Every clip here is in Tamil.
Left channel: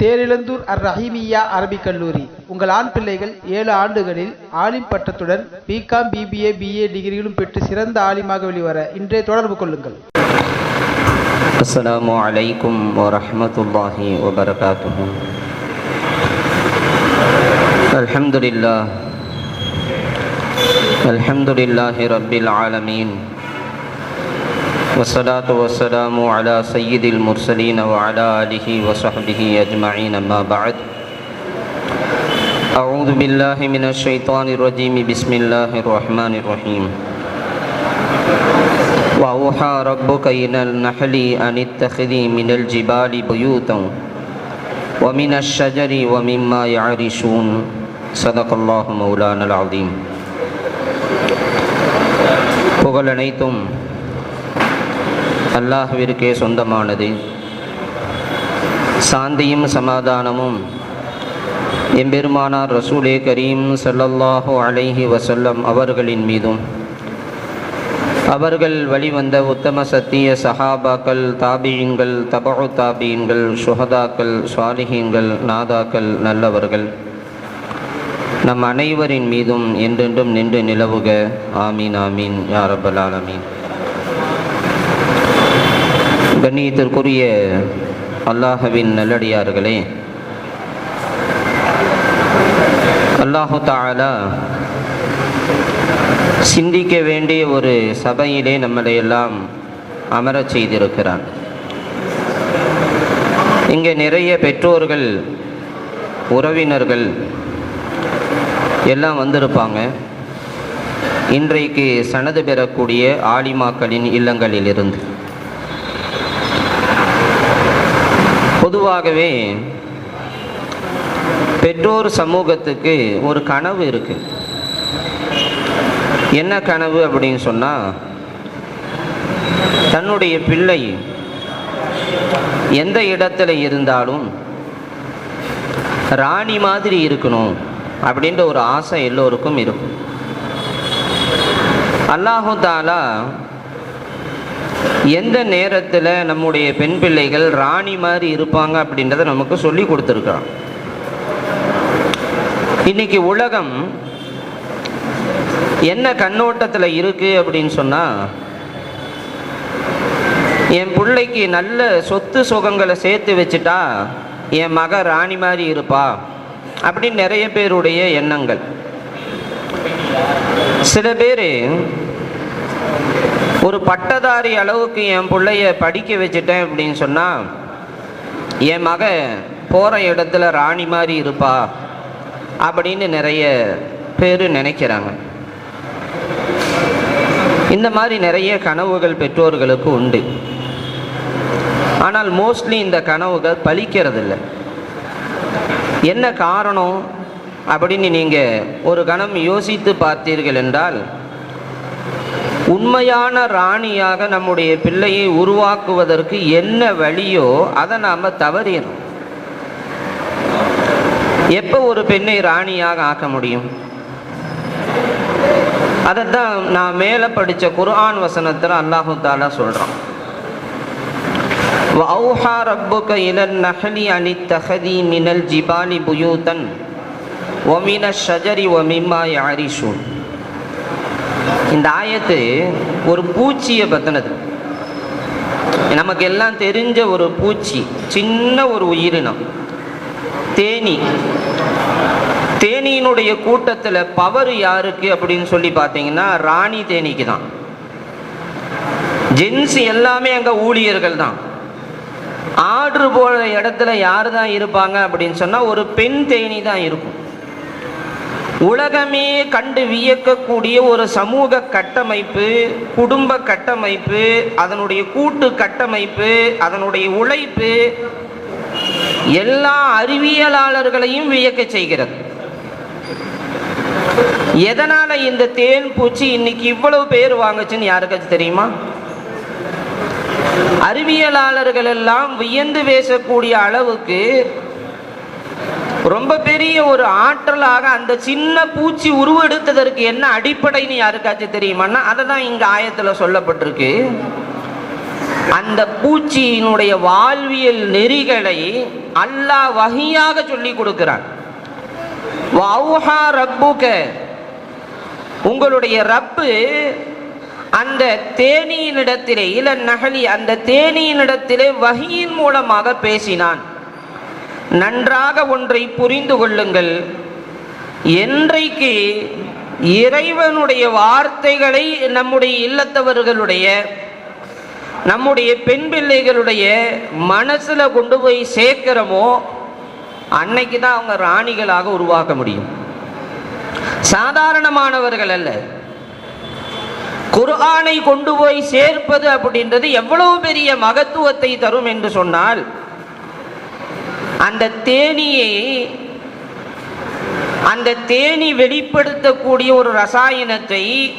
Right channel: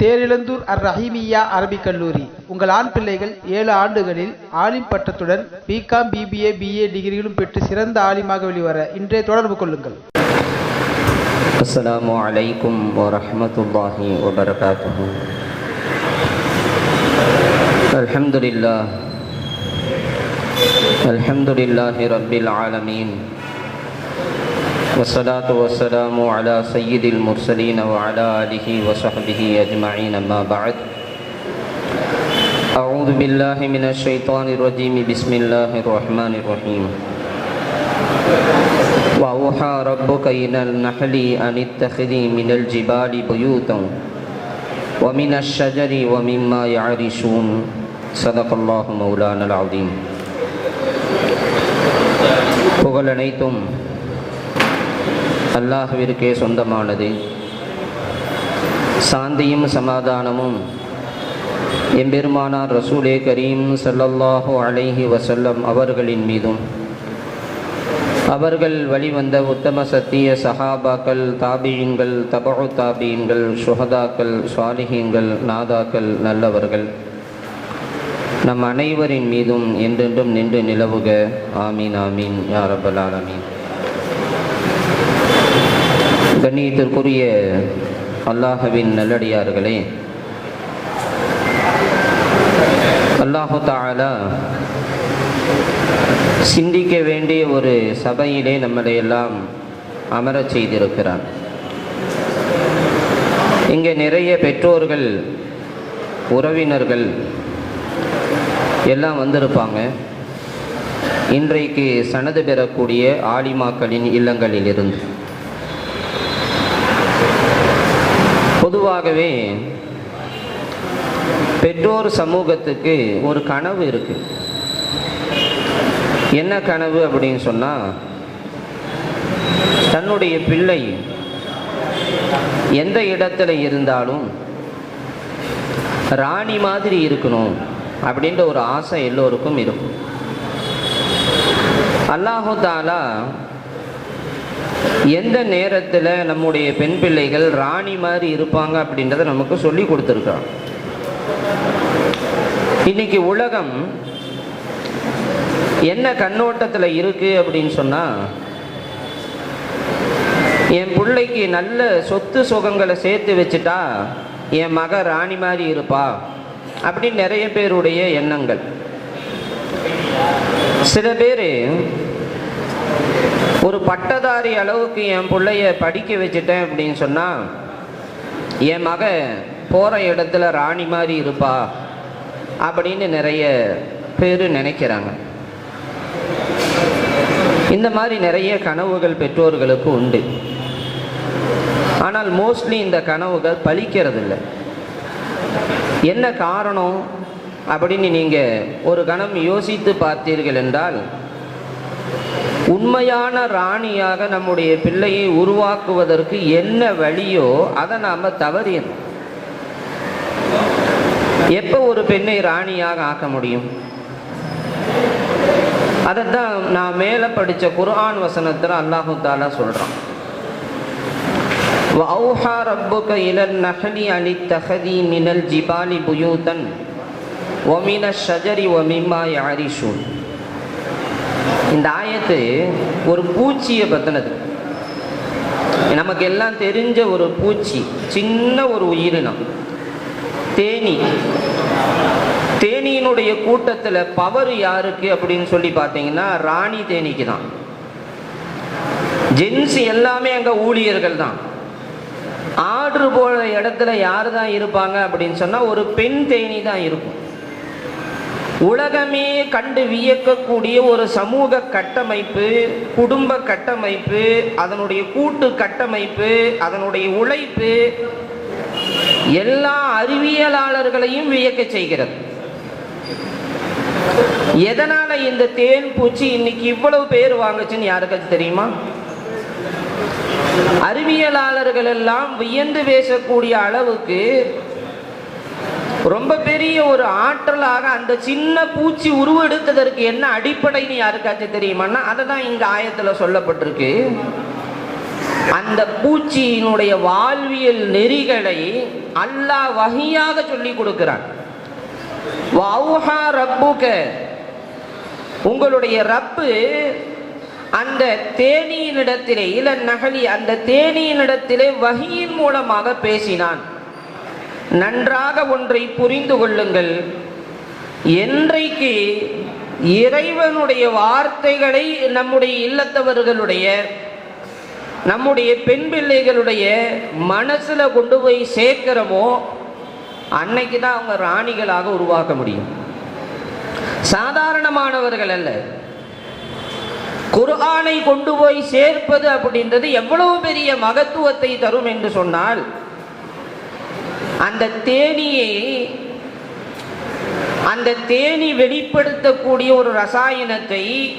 தேரிழந்தூர் அர் ரஹீமியா அரபிக் கல்லூரி. உங்கள் ஆண் பிள்ளைகள் ஏழு ஆண்டுகளில் ஆலிம் பட்டத்துடன் பிகாம் பிபிஏ பிஏ டிகிரிகளும் பெற்று சிறந்த ஆலிமாக வெளிவர இன்றைய தொடர்பு கொள்ளுங்கள். அஸ்லாம் வலைக்கும் வரமத்துல்லாஹி வபரகாத்து அல்ஹம்துலில்லா அல்ஹம்துலில்லாஹி ரபில் ஆலமீன். والصلاة والسلام على سيد المرسلين وعلى آله وصحبه أجمعين أما بعد أعوذ بالله من الشيطان الرجيم بسم الله الرحمن الرحيم وأوحى ربك إلى النحل أن اتخذي من الجبال بيوتا ومن الشجر ومما يعرشون صدق الله مولانا العظيم புகழ் அனைத்தும் அல்லாஹுவிற்கே சொந்தமானது. சாந்தியும் சமாதானமும் எம்பெருமானார் ரசூலே கரீம் சல்லல்லாஹு அலைஹி வசல்லம் அவர்களின் மீதும். அவர்கள் வழிவந்த உத்தம சத்திய சஹாபாக்கள் தாபியங்கள் தபு தாபியங்கள் சுஹதாக்கள் சுவாலிகங்கள் நாதாக்கள் நல்லவர்கள். நம் அனைவரின் மீதும் என்றென்றும் நின்று நிலவுக. ஆமீன் ஆமீன் யாரபல் ஆலமீன். கண்ணியத்திற்குரிய அல்லாஹவின் நல்லடியார்களே அல்லாஹு தாலா சிந்திக்க வேண்டிய ஒரு சபையிலே நம்மளை எல்லாம் அமரச் செய்திருக்கிறான். இங்கே நிறைய பெற்றோர்கள் உறவினர்கள் எல்லாம் வந்திருப்பாங்க. இன்றைக்கு சனது பெறக்கூடிய ஆலிமாக்களின் இல்லங்களிலிருந்து. பொதுவாகவே பெற்றோர் சமூகத்துக்கு ஒரு கனவு இருக்குது என்ன கனவு அப்படின்னு சொன்னால் தன்னுடைய பிள்ளை எந்த இடத்துல இருந்தாலும் ராணி மாதிரி இருக்கணும் அப்படின்ற ஒரு ஆசை எல்லோருக்கும் இருக்கும். அல்லாஹு தாலா எந்த நேரத்தில் நம்முடைய பெண் பிள்ளைகள் ராணி மாதிரி இருப்பாங்க அப்படின்றத நமக்கு சொல்லி கொடுத்துருக்கான். இன்னைக்கு உலகம் என்ன கண்ணோட்டத்தில் இருக்கு அப்படின்னு சொன்னால் என் பிள்ளைக்கு நல்ல சொத்து சுகங்களை சேர்த்து வச்சுட்டா என் மக ராணி மாதிரி இருப்பா அப்படின்னு நிறைய பேருடைய எண்ணங்கள். சில பேர் ஒரு பட்டதாரி அளவுக்கு என் பிள்ளைய படிக்க வச்சுட்டேன் அப்படின்னு சொன்னால் என் மக போகிற இடத்துல ராணி மாதிரி இருப்பா அப்படின்னு நிறைய பேர் நினைக்கிறாங்க. இந்த மாதிரி நிறைய கனவுகள் பெற்றோர்களுக்கு உண்டு. ஆனால் மோஸ்ட்லி இந்த கனவுகள் பலிக்கிறதில்ல என்ன காரணம் அப்படின்னு நீங்கள் ஒரு கணம் யோசித்து பார்த்தீர்கள் என்றால் உண்மையான ராணியாக நம்முடைய பிள்ளையை உருவாக்குவதற்கு என்ன வழியோ அதை நாம் தவறியணும் எப்போ ஒரு பெண்ணை ராணியாக ஆக்க முடியும் அதைத்தான் நான் மேலே படித்த குர்ஆன் வசனத்தில் அல்லாஹு தாலா சொல்கிறான் وَأَوْحَى رَبُّكَ إِلَى النَّحْلِ أَنِ اتَّخِذِي مِنَ الْجِبَالِ بُيُوتًا وَمِنَ الشَّجَرِ وَمِمَّا يَعْرِشُونَ இந்த ஆயத்து ஒரு பூச்சியை பற்றினது நமக்கு எல்லாம் தெரிஞ்ச ஒரு பூச்சி சின்ன ஒரு உயிரினம். தேனி. தேனியினுடைய கூட்டத்தில் பவர் யாருக்கு அப்படின்னு சொல்லி பார்த்தீங்கன்னா ராணி தேனிக்கு தான் ஜென்ஸ் எல்லாமே அங்கே ஊழியர்கள் தான். ஆர்டர் போகிற இடத்துல யார் தான் இருப்பாங்க அப்படின்னு சொன்னால் ஒரு பெண் தேனி தான் இருக்கும். உலகமே கண்டு வியக்கக்கூடிய ஒரு சமூக கட்டமைப்பு குடும்ப கட்டமைப்பு அதனுடைய கூட்டு கட்டமைப்பு அதனுடைய உழைப்பு எல்லா அறிவியலாளர்களையும் வியக்க செய்கிறது. எதனால இந்த தேன் பூச்சி இன்னைக்கு இவ்வளவு பேர் வாங்குச்சுன்னு யாருக்காச்சும் தெரியுமா? அறிவியலாளர்கள் எல்லாம் வியந்து பேசக்கூடிய அளவுக்கு ரொம்ப பெரிய ஒரு ஆற்றலாக அந்த சின்ன பூச்சி உருவெடுத்ததற்கு என்ன அடிப்படைன்னு யாருக்காச்சும் தெரியுமான்னா அதை தான் இங்க ஆயத்துல சொல்லப்பட்டிருக்கு. அந்த பூச்சியினுடைய வாழ்வியல் நெறிகளை அல்லாஹ் வகையாக சொல்லி கொடுக்கிறான். உங்களுடைய ரப்பு அந்த தேனியினிடத்திலே இள நகலி அந்த தேனியினிடத்திலே வகையின் மூலமாக பேசினான். நன்றாக ஒன்றை புரிந்து கொள்ளுங்கள். என்றைக்கு இறைவனுடைய வார்த்தைகளை நம்முடைய இல்லத்தவர்களுடைய நம்முடைய பெண் பிள்ளைகளுடைய மனசில் கொண்டு போய் சேர்க்கிறோமோ அன்னைக்கு தான் அவங்க ராணிகளாக உருவாக்க முடியும். சாதாரணமானவர்கள் அல்ல. குர்ஆனை கொண்டு போய் சேர்ப்பது அப்படின்றது எவ்வளவு பெரிய மகத்துவத்தை தரும் என்று சொன்னால் அந்த தேனியை அந்த தேனி வெளிப்படுத்தக்கூடிய ஒரு ரசாயனத்தை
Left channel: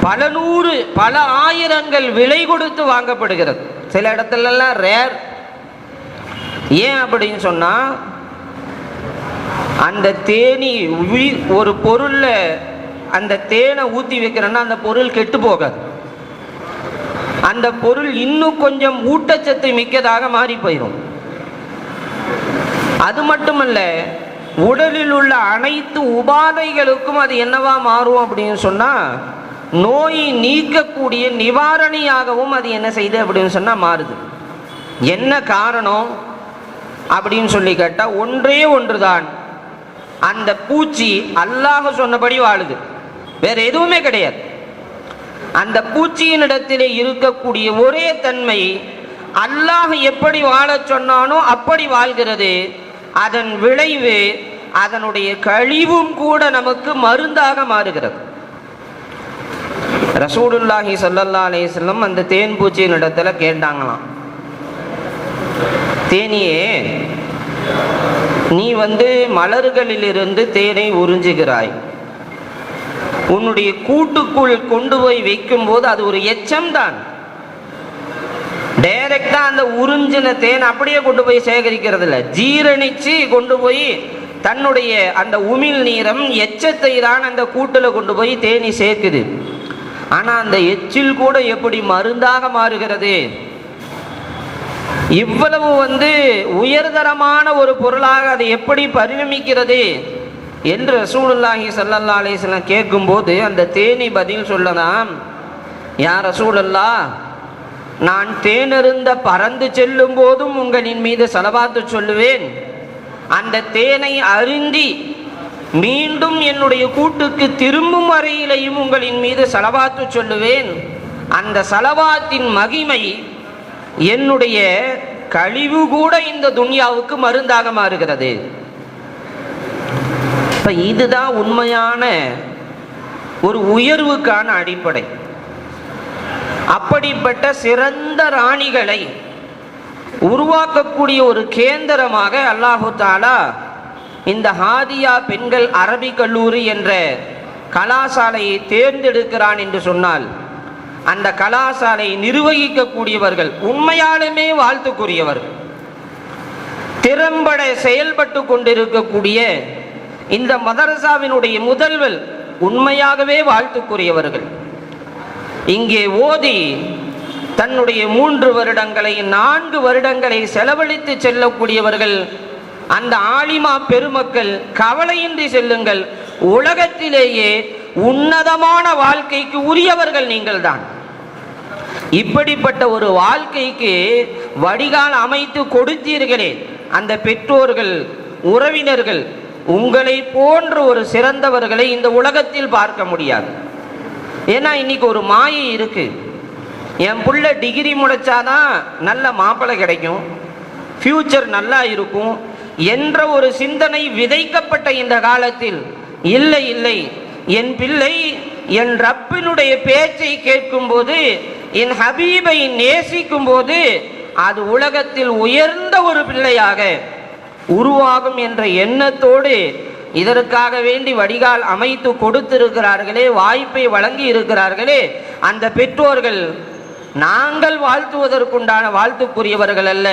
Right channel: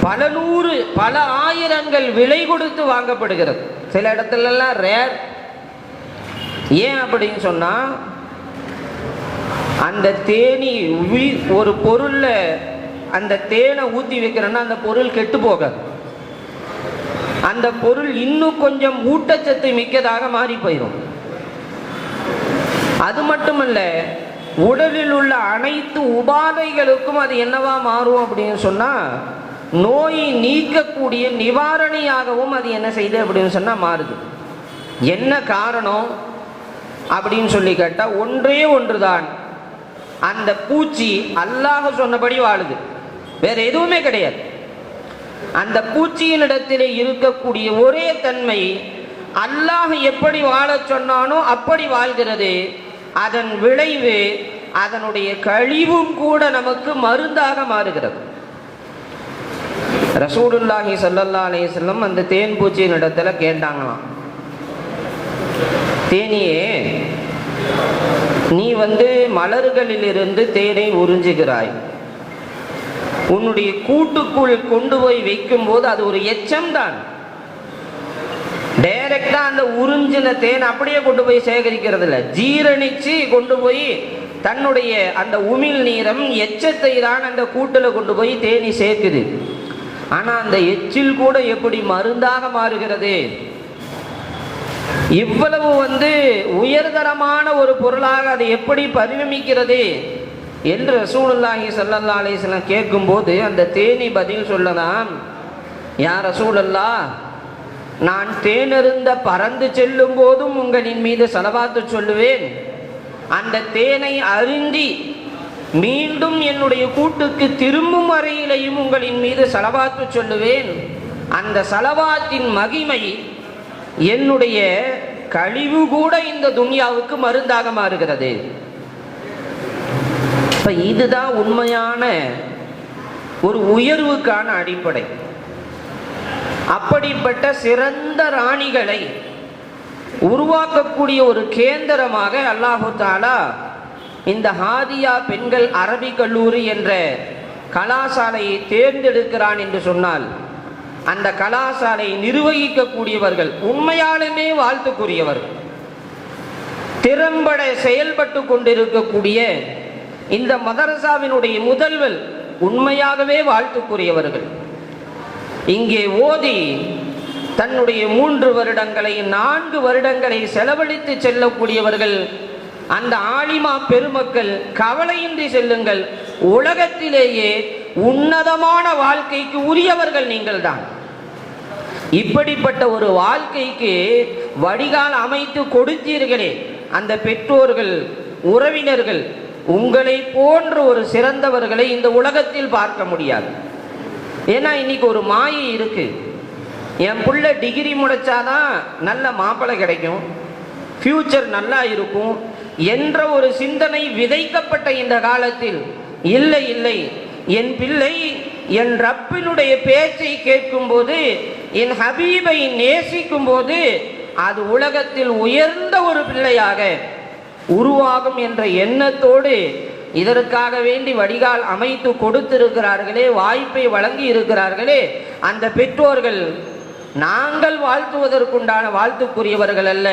பல நூறு பல ஆயிரங்கள் விலை கொடுத்து வாங்கப்படுகிறது. சில இடத்துலலாம் ரேர் ஏன் அப்படின்னு சொன்னால் அந்த தேனி உயி- ஒரு பொருளில் அந்த தேனை ஊற்றி வைக்கிறேன்னா அந்த பொருள் கெட்டு போகாது. அந்த பொருள் இன்னும் கொஞ்சம் ஊட்டச்சத்து மிக்கதாக மாறி போயிடும் அது மட்டுமல்ல உடலில் உள்ள அனைத்து உபாதைகளுக்கும் அது என்னவா மாறும் அப்படின்னு சொன்னால் நோயை நீக்கக்கூடிய நிவாரணியாகவும் அது என்ன செய்யுது அப்படின்னு சொன்னால் மாறுது. என்ன காரணம் அப்படின்னு சொல்லி கேட்டால் ஒன்றே ஒன்று தான் அந்த பூச்சி அல்லாஹ் சொன்னபடி வாழுது. வேற எதுவுமே கிடையாது. அந்த பூச்சியினிடத்திலே இருக்கக்கூடிய ஒரே தன்மை அல்லாஹ் எப்படி வாழச் சொன்னானோ அப்படி வாழ்கிறது. அதன் விளைவு அதனுடைய கழிவும் கூட நமக்கு மருந்தாக மாறுகிறது. ரசூடுல்லாஹி சொல்லல்லா அலைஹி அந்த தேன் பூச்சியின் இடத்துல கேட்டாங்களாம். தேனியே நீ வந்து மலர்களிலிருந்து தேனை உறிஞ்சுகிறாய். உன்னுடைய கூட்டுக்குள் கொண்டு போய் வைக்கும்போது அது ஒரு எச்சம் தான். டைரக்டா அந்த உறிஞ்சின தேன் அப்படியே கொண்டு போய் சேகரிக்கிறது இல்ல ஜீரணிச்சு கொண்டு போய் தன்னுடைய அந்த உமிழ் நீரம் எச்சத்தை தான் அந்த கூட்டுல கொண்டு போய் தேனி சேர்க்குது. ஆனா அந்த எச்சில் கூட எப்படி மருந்தாக மாறுகிறது? இவ்வளவு வந்து உயர்தரமான ஒரு பொருளாக அது எப்படி பரிணமிக்கிறது என்று ரசூலுல்லாஹி சல்லல்லா அலிஸ்லாம் கேட்கும்போது அந்த தேனி பதில் சொல்லலாம் யார் ரசூலல்லா நான் தேனிருந்த பறந்து செல்லும் போதும் உங்களின் மீது செலவாத்து சொல்லுவேன். அந்த தேனை அருந்தி மீண்டும் என்னுடைய கூட்டுக்கு திரும்பும் வரையிலையும் உங்களின் மீது செலவாத்து சொல்லுவேன். அந்த செலவாத்தின் மகிமை என்னுடைய கழிவு கூட இந்த துன்யாவுக்கு மருந்தாக மாறுகிறது. இப்ப இதுதான் உண்மையான ஒரு உயர்வுக்கான அடிப்படை. அப்படிப்பட்ட சிறந்த ராணிகளை உருவாக்கக்கூடிய ஒரு கேந்திரமாக அல்லாஹு தாலா இந்த ஹாதியா பெண்கள் அரபி கல்லூரி என்ற கலாசாலையை தேர்ந்தெடுக்கிறான் என்று சொன்னால் அந்த கலாசாலை நிர்வகிக்கக்கூடியவர்கள் உண்மையாலுமே வாழ்த்துக்குரியவர்கள் திறம்பட செயல்பட்டு கொண்டிருக்கக்கூடிய இந்த மதரசாவினுடைய முதல்வர் உண்மையாகவே வாழ்த்துக்குரியவர்கள். இங்கே ஓதி தன்னுடைய மூன்று வருடங்களை நான்கு வருடங்களை செலவழித்து செல்லக்கூடியவர்கள் அந்த ஆலிமா பெருமக்கள் கவலையின்றி செல்லுங்கள். உலகத்திலேயே உன்னதமான வாழ்க்கைக்கு உரியவர்கள் நீங்கள் தான் இப்படிப்பட்ட ஒரு வாழ்க்கைக்கு வடிகால் அமைத்து கொடுத்தீர்களே அந்த பெற்றோர்கள் உறவினர்கள் உங்களை போன்ற ஒரு சிறந்தவர்களை இந்த உலகத்தில் பார்க்க முடியாது. ஏன்னா இன்னைக்கு ஒரு மாயை இருக்கு. என் புள்ள டிகிரி முடிச்சாதான் நல்ல மாப்பிள்ளை கிடைக்கும். ஃபியூச்சர் நல்லா இருக்கும். என்ற ஒரு சிந்தனை விதைக்கப்பட்ட இந்த காலத்தில் இல்லை இல்லை என் பிள்ளை என் ரப்பினுடைய பேச்சை கேட்கும்போது என் ஹபீபை நேசிக்கும் போது அது உலகத்தில் உயர்ந்த ஒரு பிள்ளையாக உருவாகும் என்ற எண்ணத்தோடு இதற்காக வேண்டி வடிகால் அமைத்து கொடுத்திருக்கிறார்களே வாய்ப்பை வழங்கி இருக்கிறார்களே. அந்த பெற்றோர்கள் நாங்கள் வாழ்த்துவதற்குண்டான வாழ்த்துக்குரியவர்கள் அல்ல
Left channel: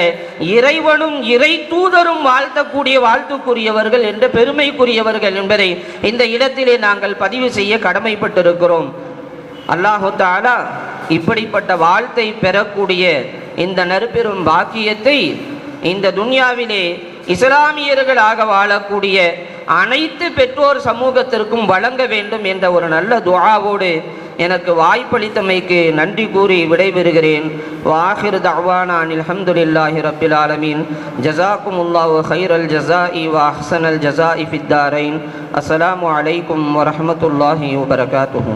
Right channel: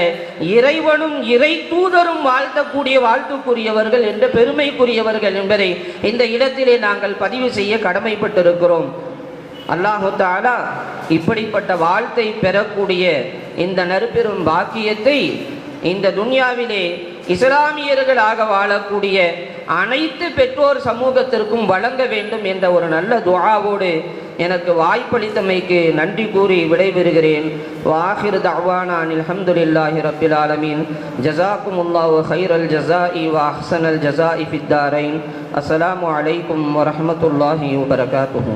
இறைவனும் இறை தூதரும் வாழ்த்தக்கூடிய வாழ்த்துக்குரியவர்கள் என்ற பெருமைக்குரியவர்கள் என்பதை இந்த இடத்திலே நாங்கள் பதிவு செய்ய கடமைப்பட்டிருக்கிறோம். அல்லாஹாலா இப்படிப்பட்ட வாழ்த்தை பெறக்கூடிய இந்த நறுபெரும் பாக்கியத்தை இந்த துன்யாவிலே இஸ்லாமியர்களாக வாழக்கூடிய அனைத்து பெற்றோர் சமூகத்திற்கும் வழங்க வேண்டும் என்ற ஒரு நல்ல துவாவோடு எனக்கு வாய்ப்பளித்தமைக்கு நன்றி கூறி விடைபெறுகிறேன். வாஹிர் தவானான் அல்ஹம்துலில்லாஹி ரபில் ஆலமீன். அல் ஹைரல் இ வ அல் ஜசா இஃபித்தாரைன் அஸ்ஸலாமு அலைக்கும் வரமத்துல்லாஹி வபரகாத்துஹு